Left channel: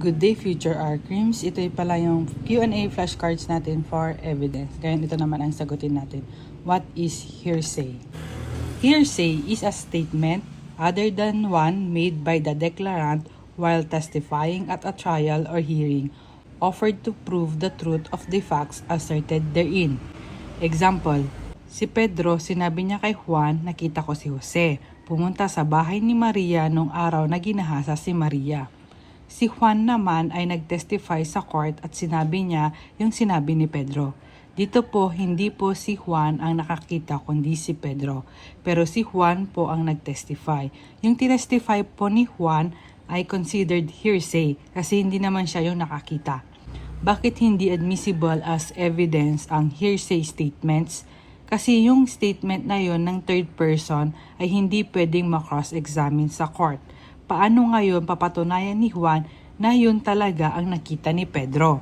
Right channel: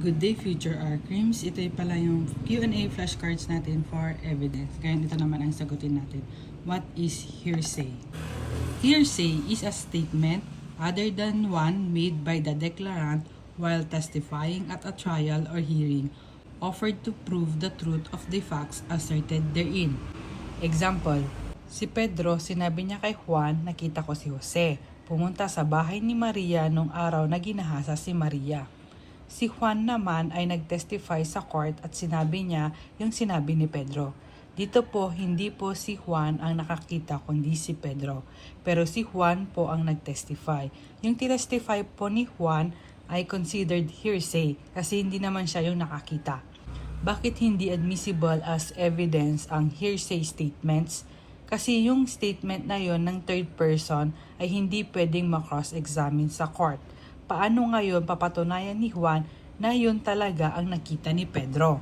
Good day, future crimes. Ito pala yung Q&A flashcards natin for evidence. Ngayon ito naman ang sagutin natin. What is hearsay? Hearsay is a statement other than one made by the declarant while testifying at a trial or hearing, offered to prove the truth of the facts asserted therein. Example, si Pedro, sinabi niya kay Juan, nakita ko si Jose. Pumunta sa bahay ni Maria nung araw na ginahasa si Maria. Si Juan naman ay nagtestify sa court at sinabi niya yung sinabi ni Pedro. Dito po, hindi po si Juan ang nakakita kundi si Pedro. Pero si Juan po ang nagtestify. Yung tinestify po ni Juan ay considered hearsay kasi hindi naman siya yung nakakita. Bakit hindi admissible as evidence ang hearsay statements? Kasi yung statement na yon ng third person ay hindi pwedeng ma-cross-examine sa court. Paano ngayon papatunayan ni Juan na yun talaga ang nakita ni Pedro?